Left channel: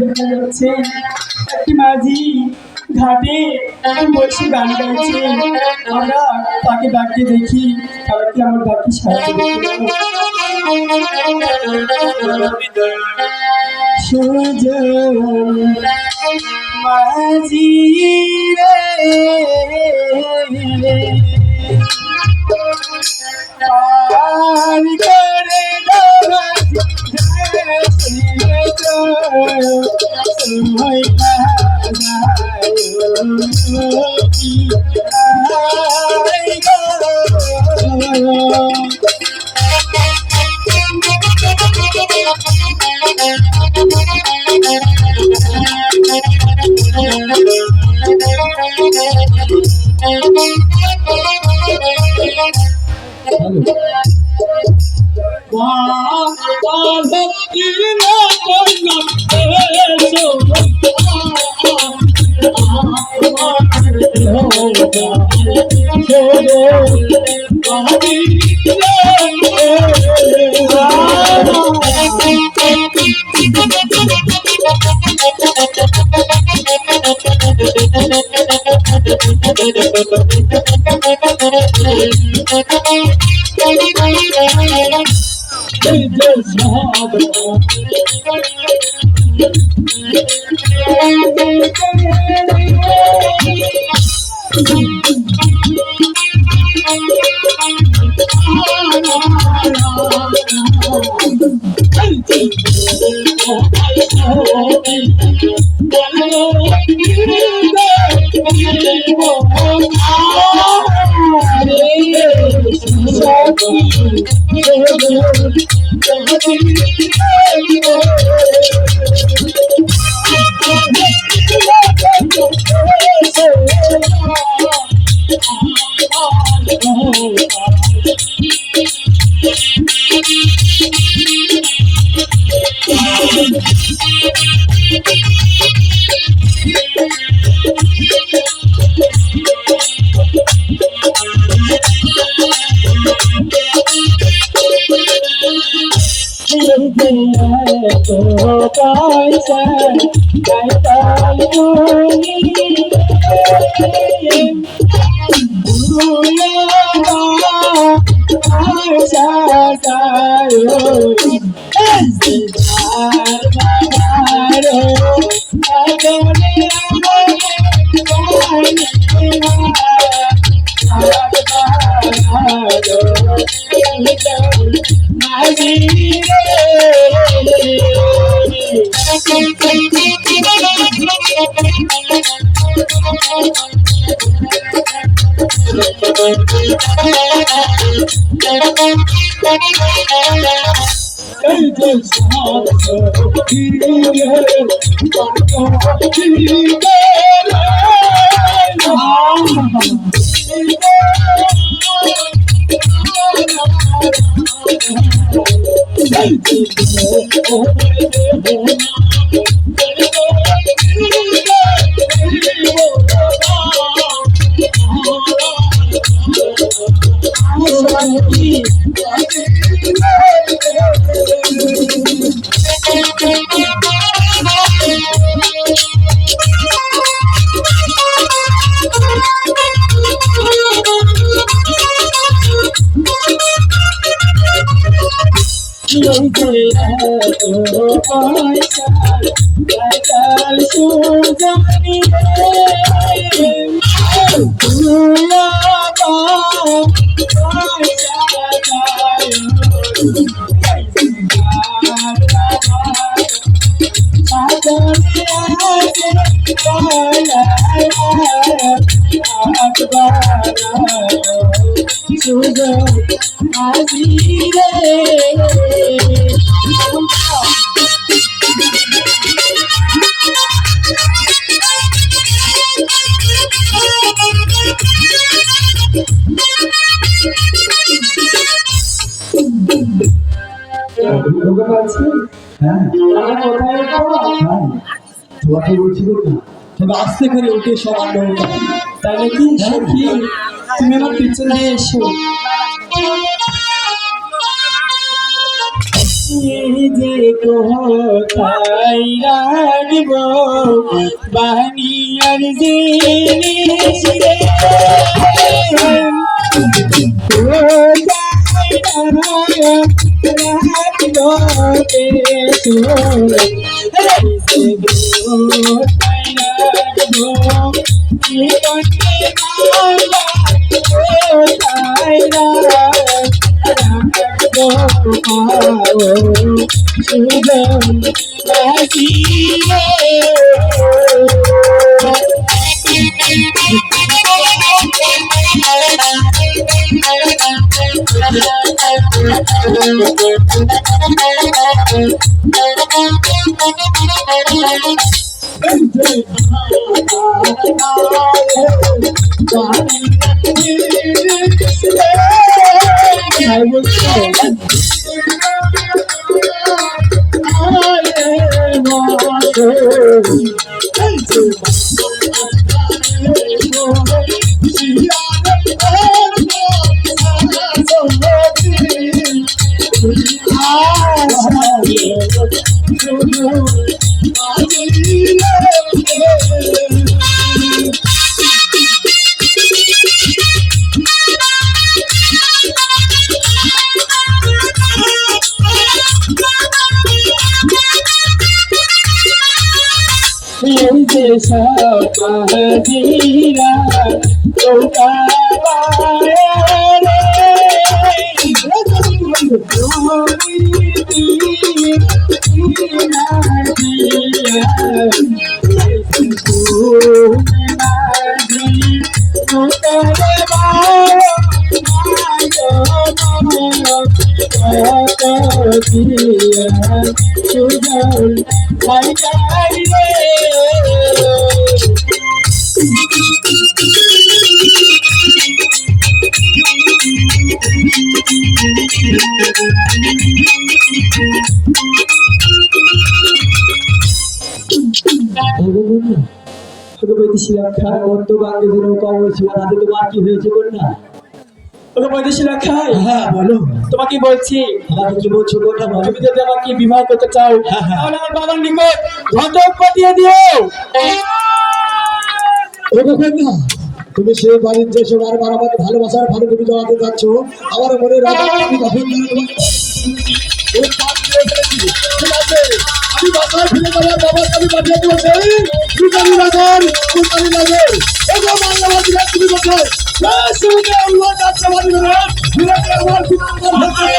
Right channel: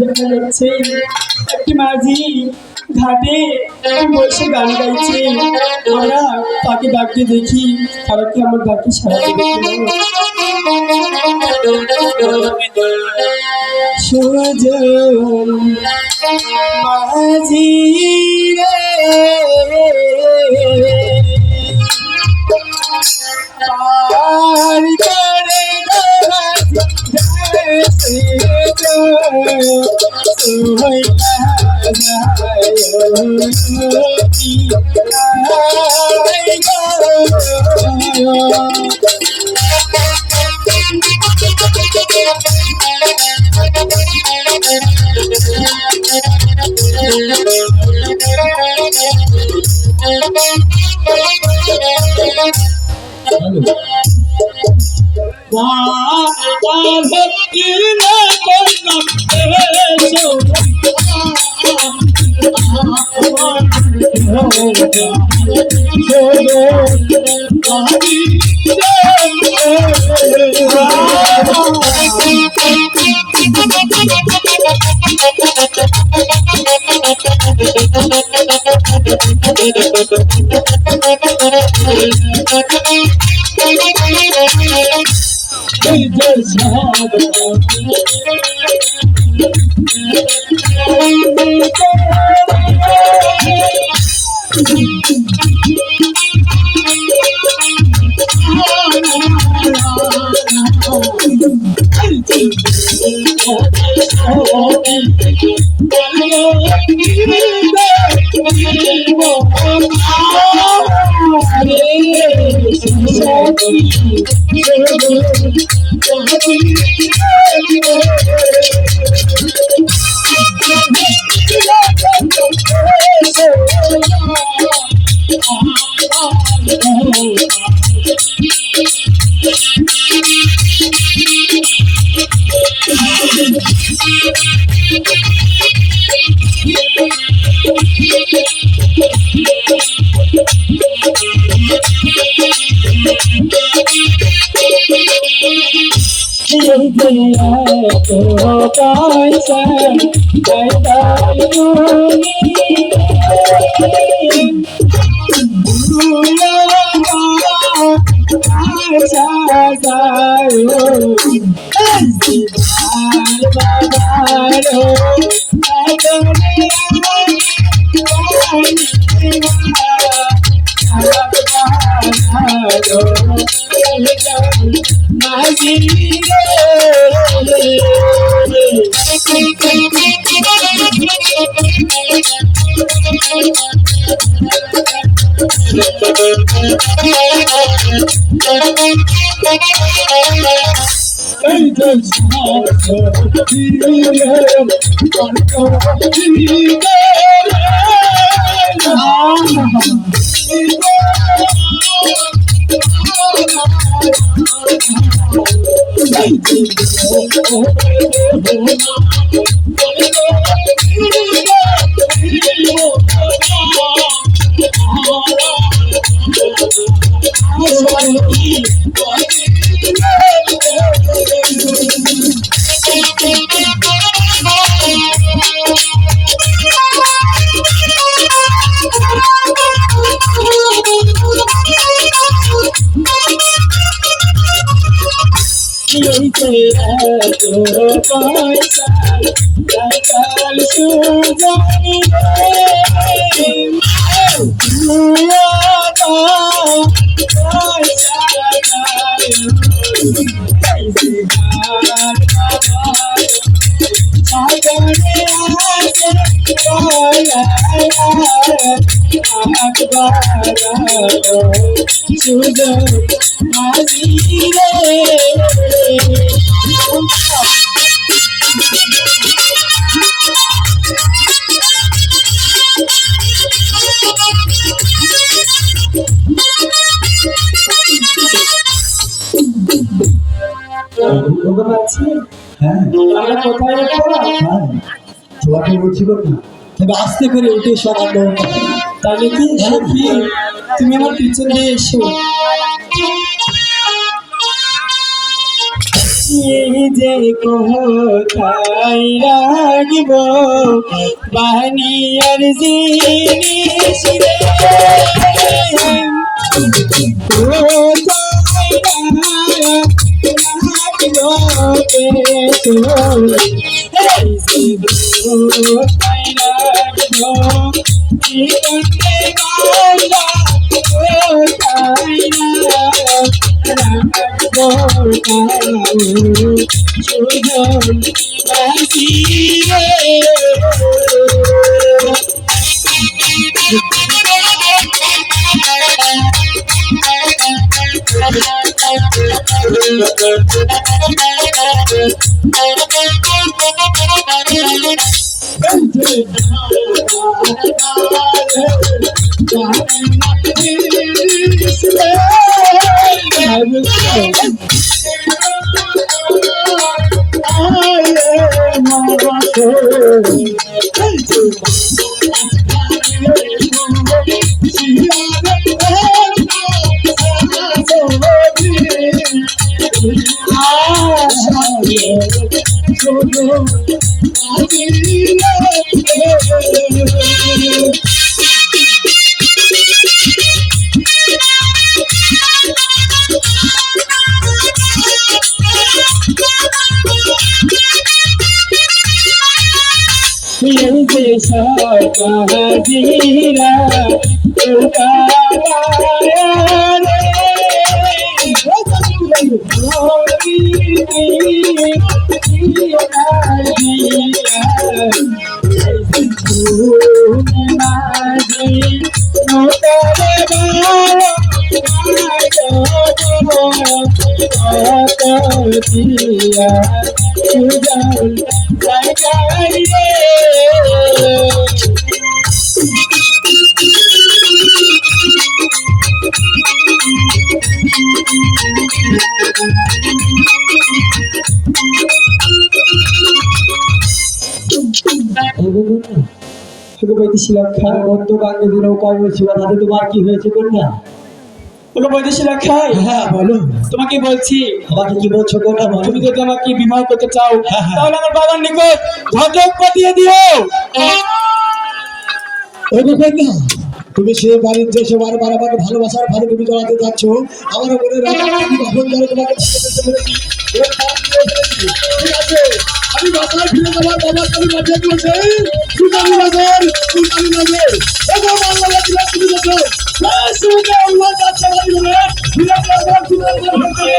দেখা যাচ্ছে একটি মাঝি ঘাটে বসে গান গাইছে। আমরা তাকে ডাকতে দেখি, তারা কি আমার ডাকে সাহায্য সুজন মাঝি রে আর করে আছে? হ্যাঁ আমরা কোথায় রাখবো? হ্যাঁ তোমাকে বলছি না, তবে আস্তে করে উঠে সব আলো তাহলে কি সখী তুমি আমার পিছন দিয়ে এসো। এই যে কোথায় রাখব বানিয়ার জিনিস রে, কোথায় রাখব এসো, এই যে কোথায় রাখব জীবনে বাংলা, কোথায় রাখবো সুজন বাসি রে। সবাজিরা সুজন ভাই রে। তোমার কি হয়েছে কন্যা? হ্যাঁ বলো। তোমাকে বলছি, আমাকে কি বলছো কন্যা? তুমি যদি আমাকে বিবাহ করতে চাও তাহলে আমার বাবার নিকট ঘটক পাঠিয়ে দিও। ও কন্যা, তুমি সে বাড়ির যে সে বারবার আমাকে ভালোবাসার ভালো তুমি জড়াতে যাচ্ছ, আমার মনে রাখো আমি কখন ধরে তোমাকে ঠিক আছে, আমি বাসায় ফিরে যাওয়ার বাবাকে আমি পাঠিয়ে দিয়েছি সুতারি নগর, সুতারি নগর। এবং বাংলাবাসী তুমি কোথায়? আল্লাহ যাচ্ছে বাড়ি ধরে ফিরে আমার সুতারি নগর।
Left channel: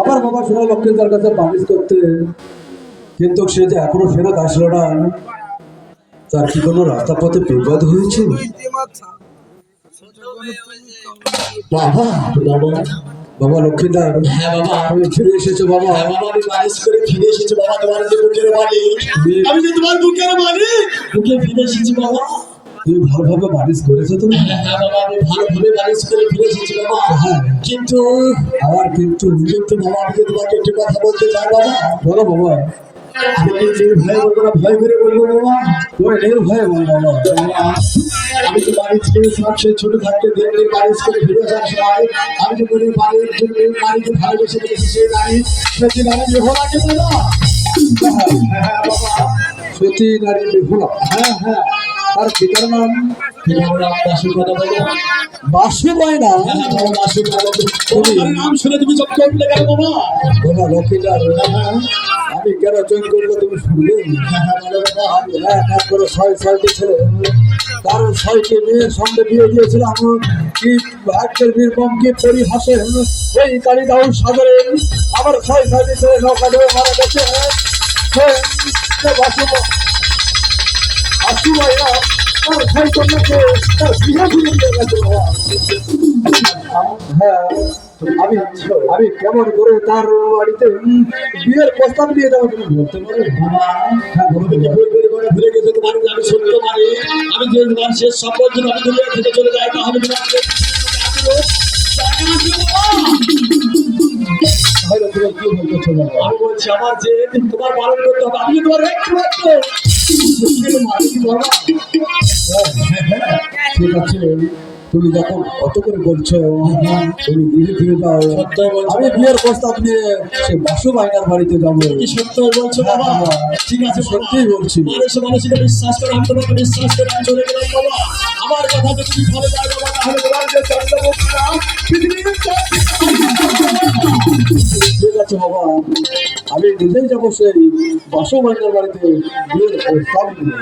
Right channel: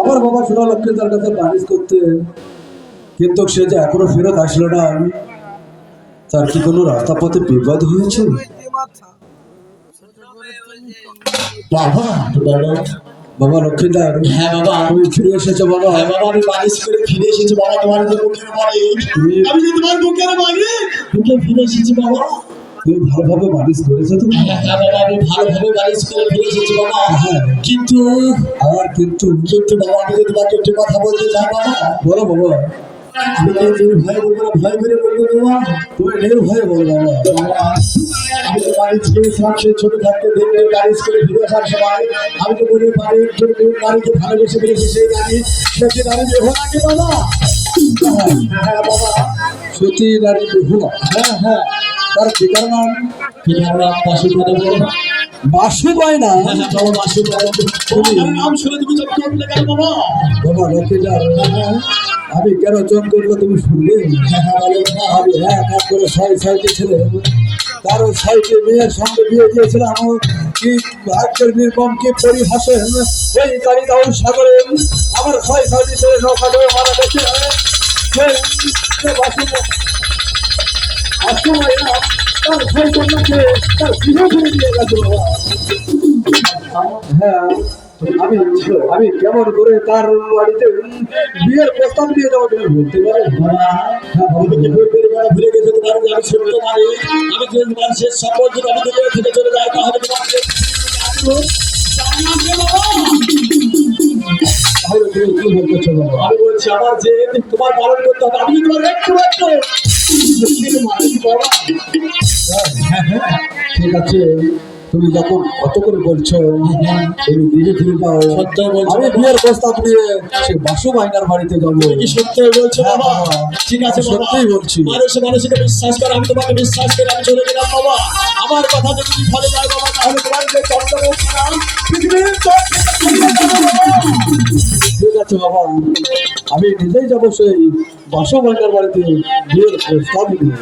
আমার বাবা সোনা লক্ষ্মী তার কাছে বানিজ করতে, কিন্তু সে যে এখনো ফেরত আসলো না, তার কি কোনো রাস্তা পথে বিপদ হয়েছে? বাবা বাবা বাবা লক্ষ্মীদার, হ্যাঁ বাবা, তুমি ফিরে এসেছো বাবা। হ্যাঁ বাবা, আমি বানিশ করে ফিরে এসেছি বাবা, তোমার যে বুকের মালিক, আমি যে তোমার বুকের মালিক, বুকে ফিরে এসেছি বাবা। তুমি ভালোভাবে বানিজ করেছো তুমি? হ্যাঁ বাবা, আমি ভালোভাবে বানিশ করে ফিরে এসেছি বাবা। হ্যাঁ, কিন্তু আর কিন্তু কিন্তু বাবা, আমি যে তোমাকে একটি কথা বলতে চাই বাবা। বলো বাবা। আমি ভয় বলবো না, ভয় করে বলবো বাবা। তুমি নির্ভয়ে বলো বাবা। বাবা, আমি তো বাড়ি ছিলাম সেই ছোট থাকতে দেখলে বারিশ করে ফিরে আসার সময় আমি যে মনে বাড়ির জন্য বাড়িতে ভালোবেসে ফেলেছি সেই নারী, সত্যি নারী দেহ নাকি বাবা? হ্যাঁ বাবা, সতী নারী বিহুলা। হ্যাঁ হ্যাঁ, তার পিতার নাম পিতার নাম বাসু কথা বলো। বাসু না? হ্যাঁ বাবা, বাসু তোমার নাম শুনে তুমি চোখ করলে কেন বাবা? বাবা লক্ষ্মীদার, আমি কেন চোখ করবো তুমি শুনলে? আমি এক এক করে ৬ ৬টি ছেলে, তার ৬টি মেয়ের সঙ্গে বিয়ে দিয়েছিলাম, কি ভাগ্যের নির্মমকে পরিহাসেন এই কালিদাউ সাগরে আমার ছয় ছয়টি ছেলে নৌকা ডুবে মারা গেছে আসুমাইয়া তার ভাই কন্যাকে তার গৃহ করে দিয়ে গেছে বাবা। হ্যাঁ আমি কেমন করে তার বাড়িতে বিয়ের প্রস্তাব দিয়ে যাবো তুমি বলতে পারো বাবা হ্যাঁ বলো তুমি ভুল করে বলা ভুলে গেছো তোমার যে আমি সত্য মানি আমি যে তোমার শেষ সম্পদ যদি আমি দুনিয়া থেকে চলে যাই তাহলে তোমাকে তাহলে তুমি কি বলতেছো বাবা আমি বলছি আমার যে তোমার পালন করতে হবে আমি তোমার একটু মালিক বাবা ঠিক আছে তুমি যখন কত করে বলছো তুমি ধীরে ধীরে যাও সত্যই বলছো আমি বিয়ের প্রস্তাব নিয়ে সে বাসু মাইনার বাড়িতে যাবো কি সত্যই বলছো হ্যাঁ, বাবা বাবা। ঠিক আছে বাবা। সত্যিই বলছি। মানুষ মানুষকে বিশ্বাস করে আমি তোমাকে বিশ্বাস করে আমি চলে গেলাম বাবা আমার কথা যদি ফলে যায় বাবা তাহলে তোমার যে চন্দ্রমুখ নাম পৃথিবীর সব ঠিক আছে বাবা আমি নিজেই যাবো সেই বাসু মাইনার বাড়িতে বিয়ের প্রস্তাব নিয়ে